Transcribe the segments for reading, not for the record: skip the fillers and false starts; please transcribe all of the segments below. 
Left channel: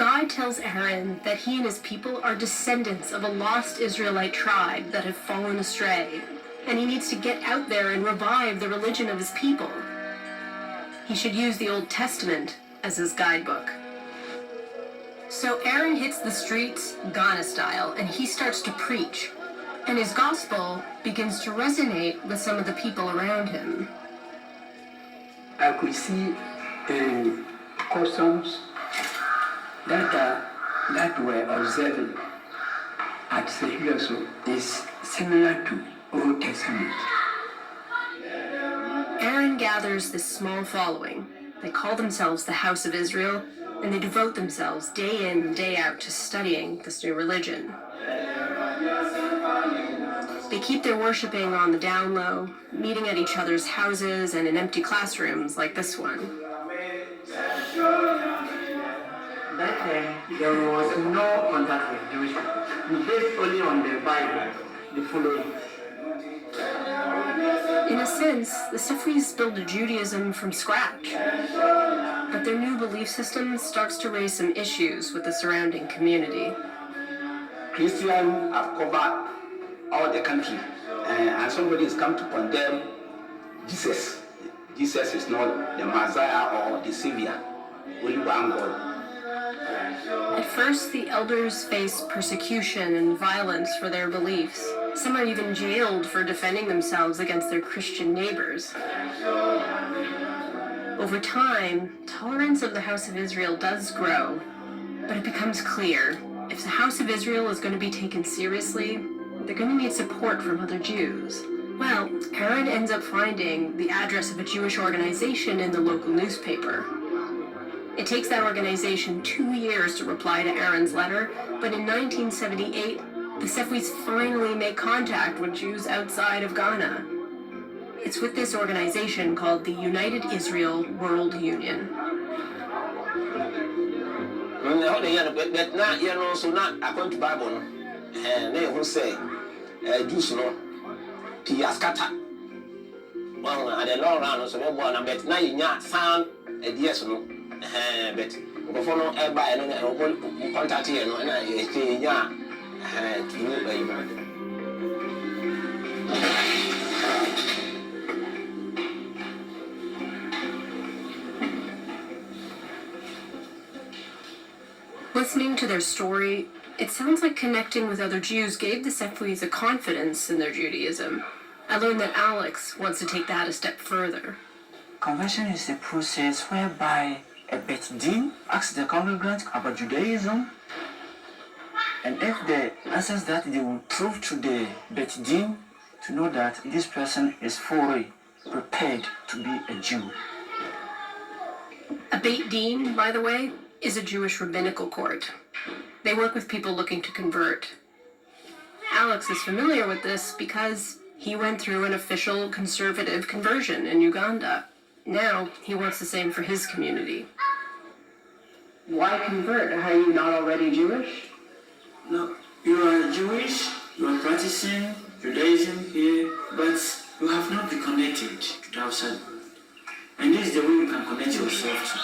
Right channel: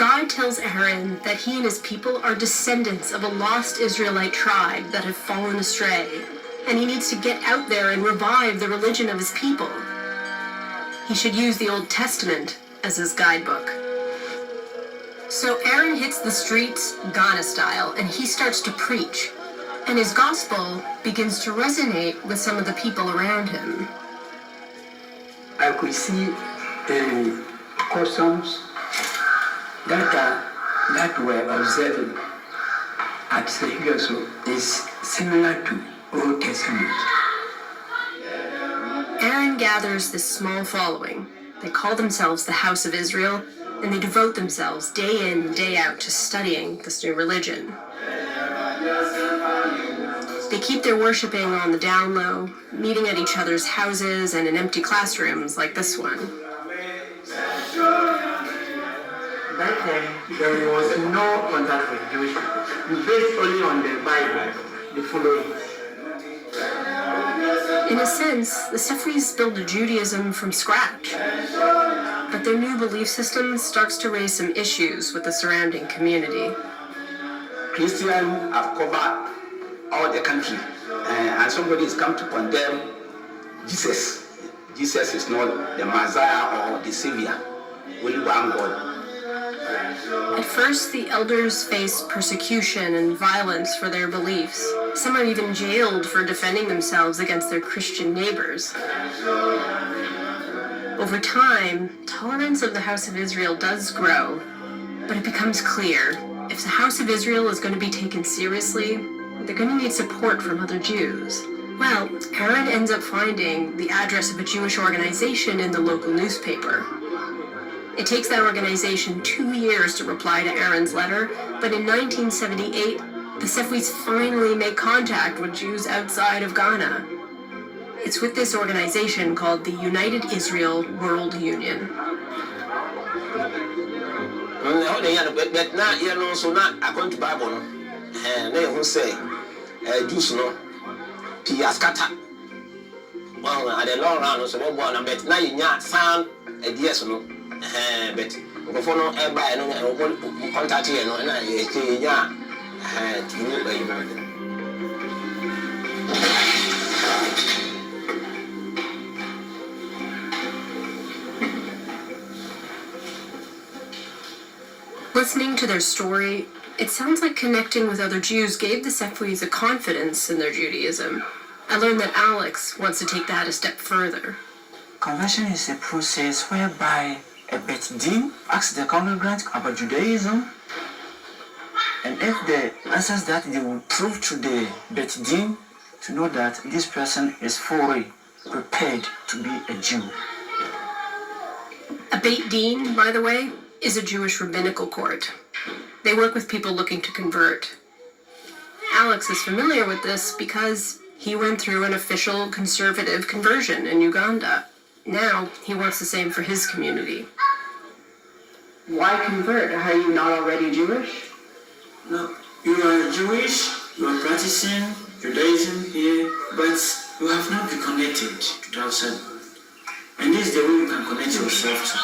God tells Aaron that he and his people are descendants of a lost Israelite tribe that have fallen astray, and he needs to get out there and revive the religion of his people. He should use the Old Testament as his guidebook. So Aaron hits the streets, Ghana style, and he starts to preach. And his gospel begins to resonate with some of the people around him. I could see customs that were observed at Sefwi also is similar to Old Testament. Aaron gathers this small following. They call themselves the House of Israel, and they devote themselves day in and day out to studying this new religion. They keep their worshiping on the down low, meeting at each other's houses and in empty classrooms like this one. Back then, there was no contact with Jewish people. We based only on the Bible, the following. In a sense, the Sefwis build a Judaism from scratch. But their new belief system starts to raise some issues with the surrounding community. Christians have covered all the country, and somebody has come to condemn Jesus. Jesus is not the Messiah or the Savior, only one God. At first, the elders face persecution and violence for their beliefs. Some are even jailed for defending themselves against their Christian neighbors. Over time, tolerance of the House of Israel does grow, but it becomes clear, if the House of Israel is going to be taken seriously, they're going to need support from other Jews. Well, Aaron ends up finding the address of a Jewish organization in the local newspaper. It takes that organization 2 years to reply to Aaron's letter, but in 1978, the Sefwis finally make contact with Jews outside of Ghana. It's with this organization called the United Israel World Union. Jews no piaskata well at the long round so we born but now you nya sound ideas no but go for no e buy no contact here no na e nya Listening to their story, it sounds like connecting with other Jews gave the Sefwis a confidence in their Judaism. I learned that Alex wants to take that a step further. Conversion is a process whereby a pt3 asks the congregant about Judaism, and if they answers that, they will prove to the pt3 to know that this person is fully prepared to be a Jew. A Beit Din, by the way, is a Jewish rabbinical court. They work with people looking to convert. Alex is familiar with this because he went through an official conservative conversion in Uganda. Now he wants the same for his community. Why convert? Are you not already Jewish? No, you are Jewish, you are practicing Judaism here, but you have not reconnected to the outside. And this is the way you can connect yourself to.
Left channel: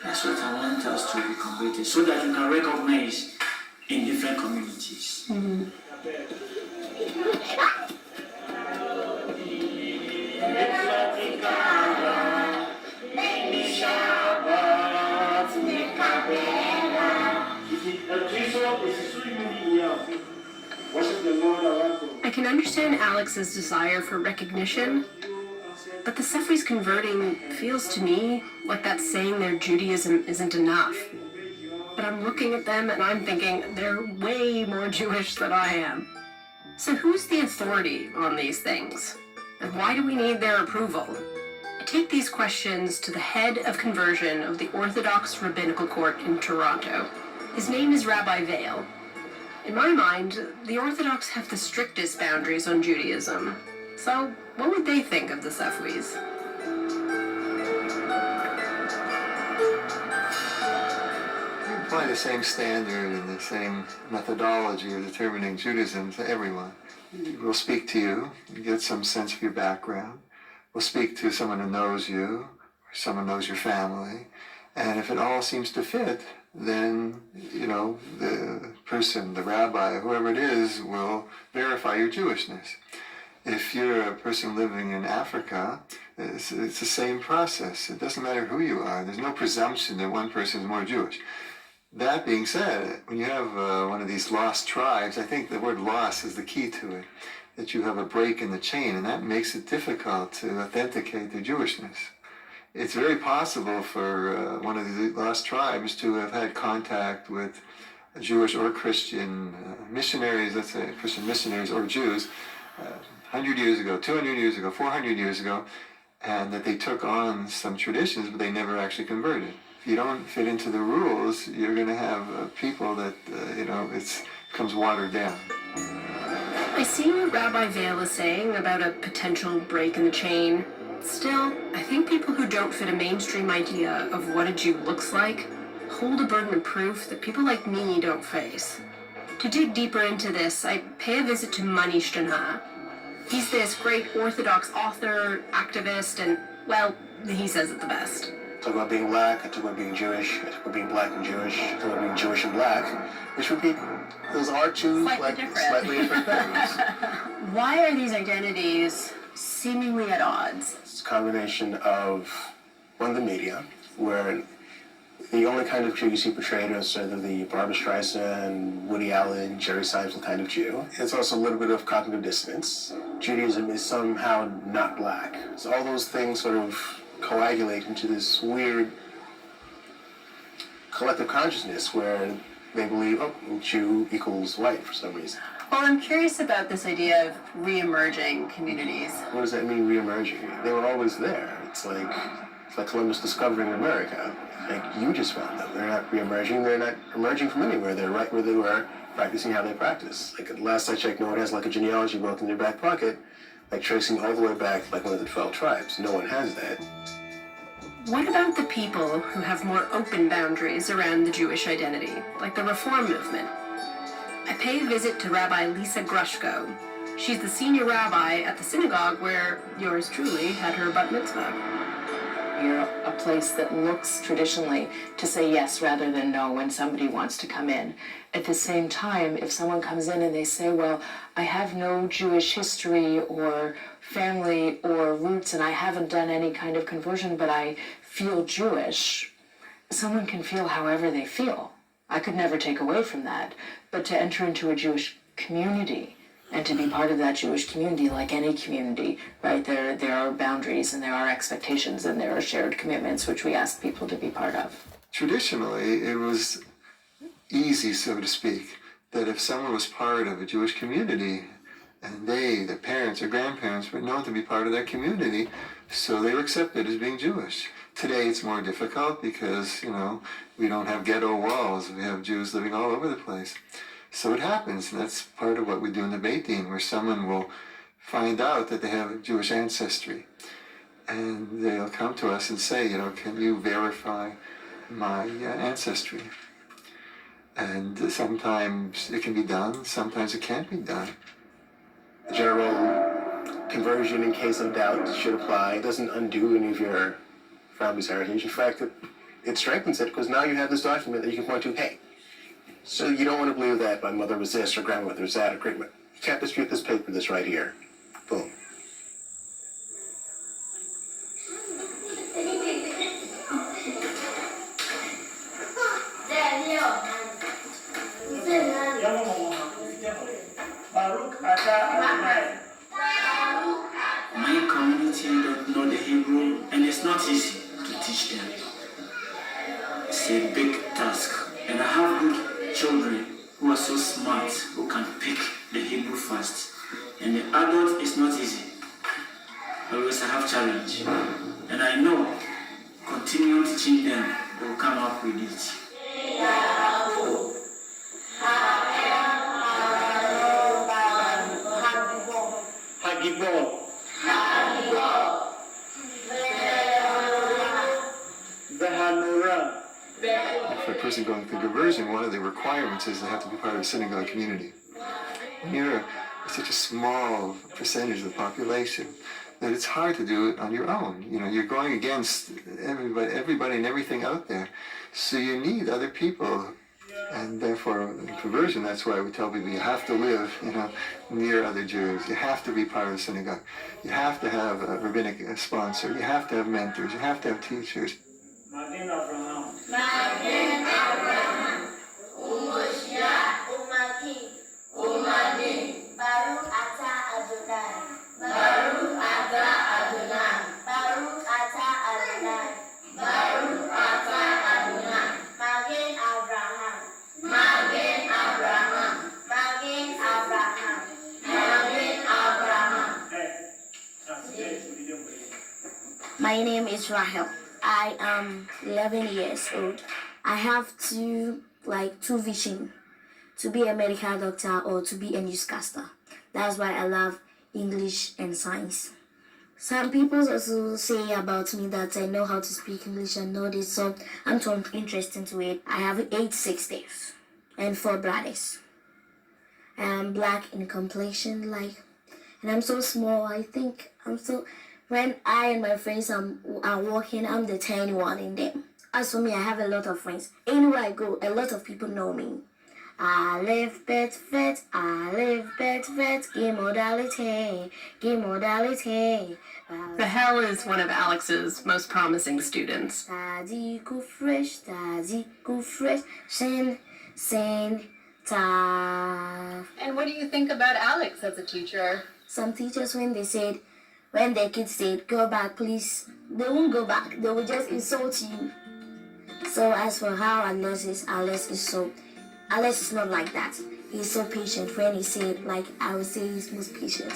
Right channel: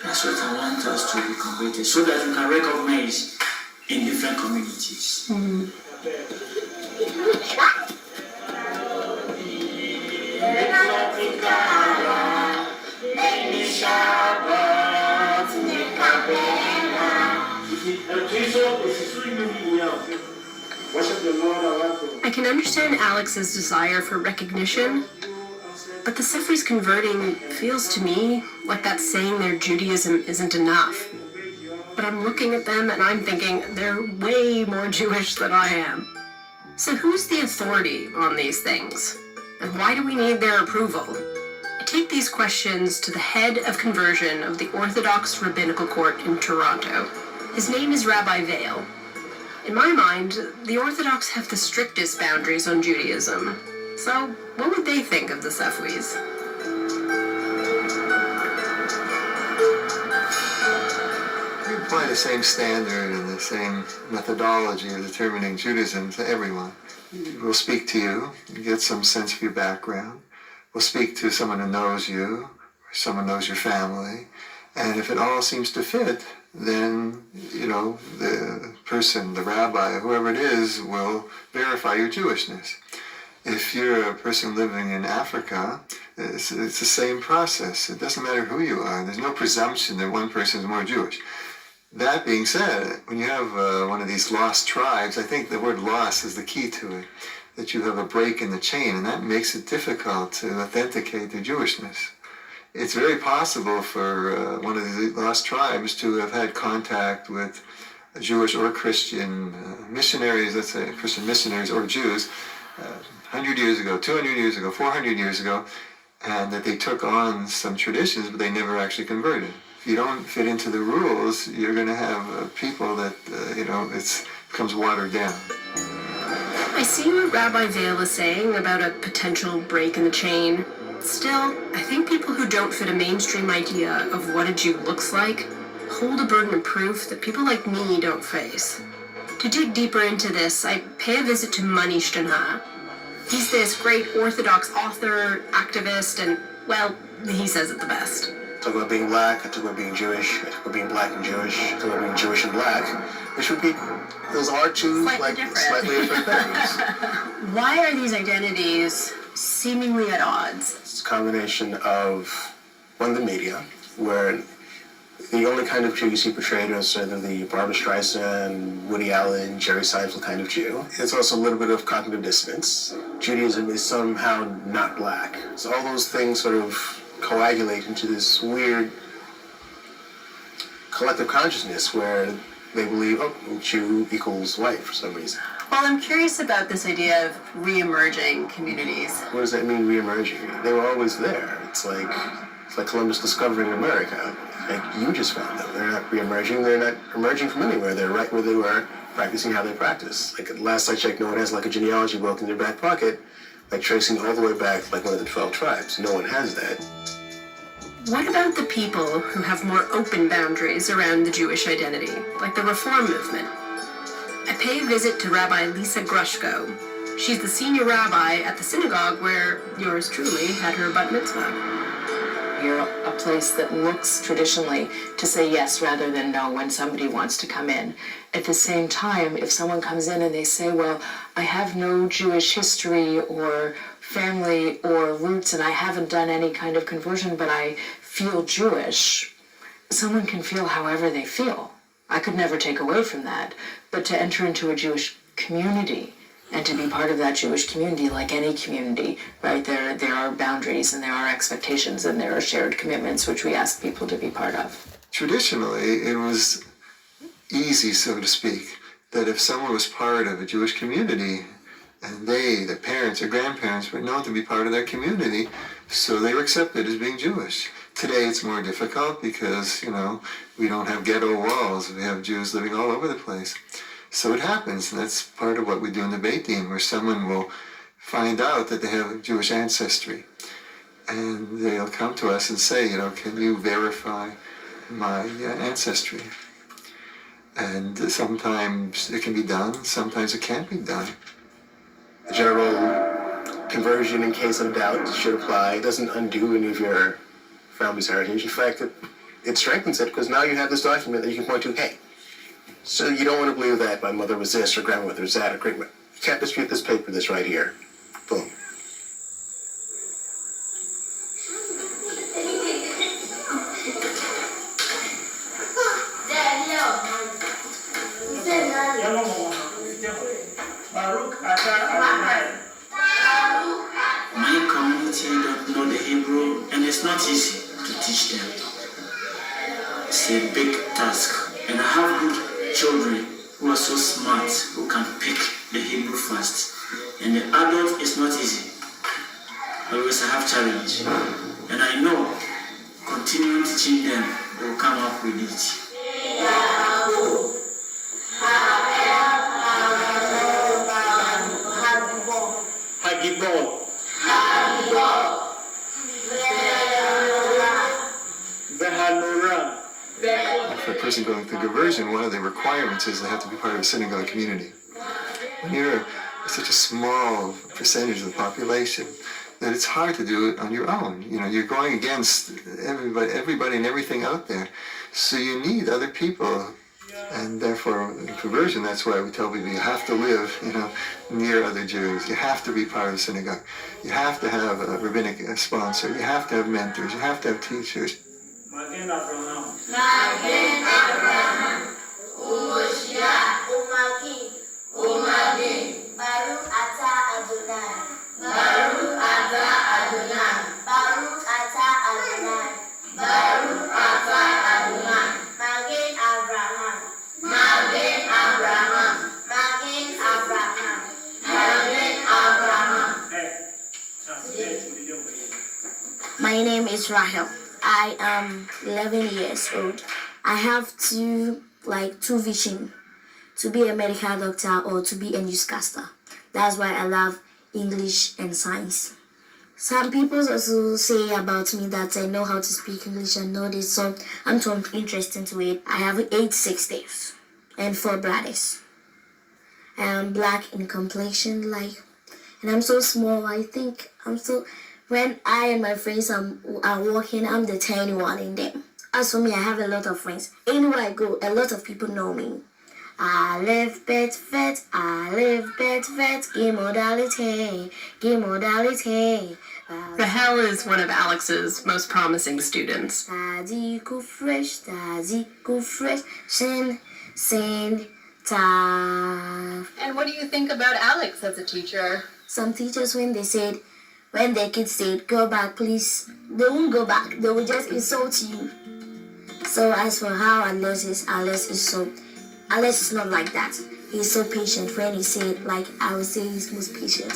That's what I want us to be converted, so that we can recognize in different communities. Mm-hmm. I can understand Alex's desire for recognition, but the Sefwis converting feels to me like that's saying their Judaism isn't enough. But I'm looking at them and I'm thinking they're way more Jewish than I am. So who's the authority on these things? And why do we need their approval? I take these questions to the head of conversion of the Orthodox Rabbinical Court in Toronto. His name is Rabbi Vail. In my mind, the Orthodox have the strictest boundaries on Judaism. So what would they think of the Sefwis? We apply the same standard and the same methodology of determining Judaism to everyone. We'll speak to you, get some sense of your background. We'll speak to someone who knows you, or someone knows your family, And if it all seems to fit, then, the person, the rabbi, whoever it is, will verify your Jewishness. If you're a person living in Africa, it's the same process. It doesn't matter who you are. There's no presumption that one person is more Jewish. That being said, when you have one of these lost tribes, I think the word lost is the key to it, that you have a break in the chain, and that makes it difficult to authenticate their Jewishness. It's very possible for one of the lost tribes to have had contact with Jewish or Christian missionaries, let's say Christian missionaries or Jews, 100 years ago, 200 years ago, 400 years ago, and that they took on some traditions, but they never actually converted. If you don't fit into the rules, you're going to have people that, it becomes watered down. I see what Rabbi Vail is saying about a potential break in the chain. Still, I think people who don't fit a mainstream idea of what a Jew looks like hold a burden of proof that people like me don't face. To dig deeper into this, I pay a visit to Mani Shtana. He's this great Orthodox author, activist, and, well, he says it the best. I talk about being black, I talk about being Jewish, I talk about being black and Jewish, I talk about being Jewish and black, which would be, those are two slightly different things. Why are these identities seemingly at odds? It's a combination of, one, the media, where the only kind of Jew you see portrayed is sort of the Barbra Streisand, Woody Allen, Jerry Seinfeld kind of Jew. It's also a little bit of cognitive dissonance. Judaism is somehow not black. So all those things sort of coagulate into this weird collective consciousness where they believe, oh, Jew equals white for some reason. Well, I'm curious about this idea of re-emerging communities. What does that mean, re-emerging? They were always there. It's like Columbus discovering America. Like, you just found them. They're not re-emerging. They're not emerging from anywhere. They're right where they were, practicing how they practice. Like, last I checked, no one has like a genealogy book in their back pocket, like tracing all the way back like one of the 12 tribes. No one has that. What about the people who have more open boundaries around the Jewish identity, like the Reform movement? I pay a visit to Rabbi Lisa Grushko. She's the senior rabbi at the synagogue where yours truly had her bat mitzvah. You're a place that looks traditionally to say yes rather than no when somebody wants to come in. At the same time, if someone comes in and they say, well, I have no Jewish history or family or roots and I haven't done any kind of conversion, but I feel Jewish, someone can feel however they feel. I could never take away from that. But to enter into a Jewish community and to be part of that Jewish community, like any community, right, there are boundaries and there are expectations and there are shared commitments which we ask people to be part of. Traditionally, it was easy, so to speak, that if someone was part of a Jewish community and the parents or grandparents, were known to be part of that community, so they were accepted as being Jewish. Today it's more difficult because, we don't have ghetto walls. We have Jews living all over the place. So it happens, and that's part of what we do in the Beit Din, where someone will find out that they have Jewish ancestry. And they'll come to us and say, can you verify my ancestry? And sometimes it can be done, sometimes it can't be done. The general conversion in case of doubt should apply. It doesn't undo any of your family's heritage. In fact, it strengthens it because now you have this document that you can point to, hey, so you don't want to believe that my mother was this or grandmother was that or great. You can't dispute this paper that's right here. Boom. My community don't know the Hebrew, and it's not easy to teach them. It's a big task, and I have good children who are so smart, who can pick the Hebrew fast. And the adult is not easy. Always I have challenge. And I know, continuing teaching them, they will come up with it. For a person going through conversion, one of the requirements is they have to be part of a synagogue community. When you're such a small percentage of the population, that it's hard to do it on your own. You know, you're going against everybody and everything out there. So you need other people. And therefore, in conversion, that's why we tell people you have to live, you know, near other Jews. You have to be part of the synagogue. You have to have a rabbinic sponsor. You have to have mentors. You have to have teachers. Magen Abraham. Magen Abraham. Umoshia. Umaki. Umagi. Baruch Ata Adonai. Baruch Ata Adonai. Baruch Ata Adonai. Baruch Ata Adonai. Magen Abraham. Magen Abraham. Magen Abraham. Magen Abraham. My name is Rahel. I am 11 years old. I have two visions, to be a medical doctor or to be a newscaster. That's why I love English and science. Some people also say about me that I know how to speak English and know this, so I'm so interested in it. I have 8 sisters and 4 brothers. I am black in complexion, and I'm so small. I think when I and my friends are walking, I'm the tiny one in them. As for me, I have a lot of friends. Anywhere I go, a lot of people know me. I live vet, I live vet, give modality. Rahel is one of Alex's most promising students. Daddy go fresh, sing, ta. And what do you think about Alex as a teacher? Some teachers, when their kids said, go back, please, they won't go back. They will just insult you. So as for how Alex is not like that. He's so patient. When he said, I would say he's most patient.